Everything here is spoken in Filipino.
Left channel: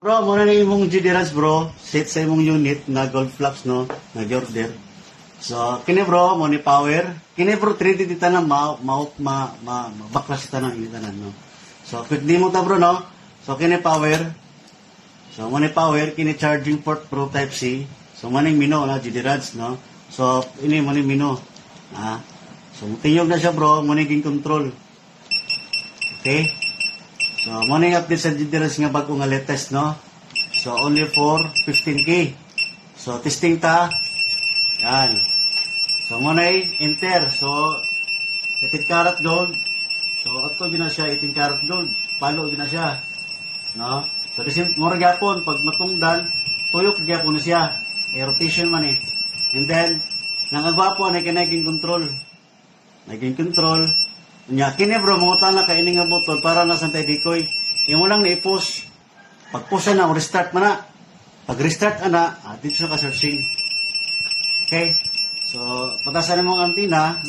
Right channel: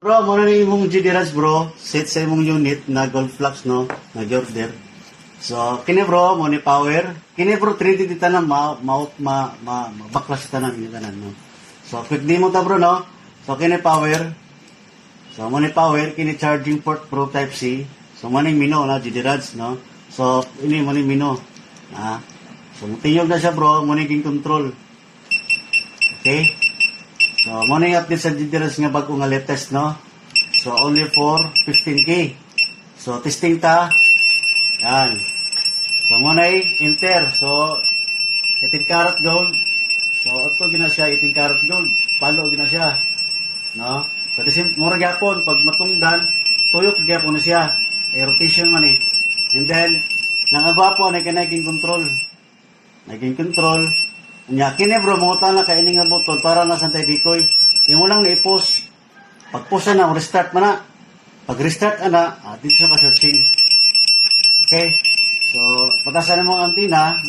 Bro, muna na imong GD bro. Set sa imong unit na gold flux no, na order. So, kini bro, mo ni power. Kini bro, 3D dita na baklas ta nang tanan no. So, quick demo ta bro no. So, kini power. So, mo ni power, kini charging port bro type C. So, mo ni mino na GD no. So, ini mo ni mino. So, tiyog na siya bro, mo ni ging control. Okay? So, mo na yung update sa GDRS nga bago nga latest, no? So, only for 15K. So, testing ta. Yan. So, mo na enter. So, 18 karat gold. So, ato gina siya, 18 karat gold. Palo gina siya. No? So, disim, mura gyapon, pag matungdan, tuyok gyapon na siya. Rotation man eh. And then, nangagwapo, naging control. Naging control. Nya kini bro mo na kay ini nga button para na santay dikoy. Imo lang na-i-post. Pag-post na restart man na. Pag restart ana, dito sa ka searching. Okay? So, patasan mo ang antina.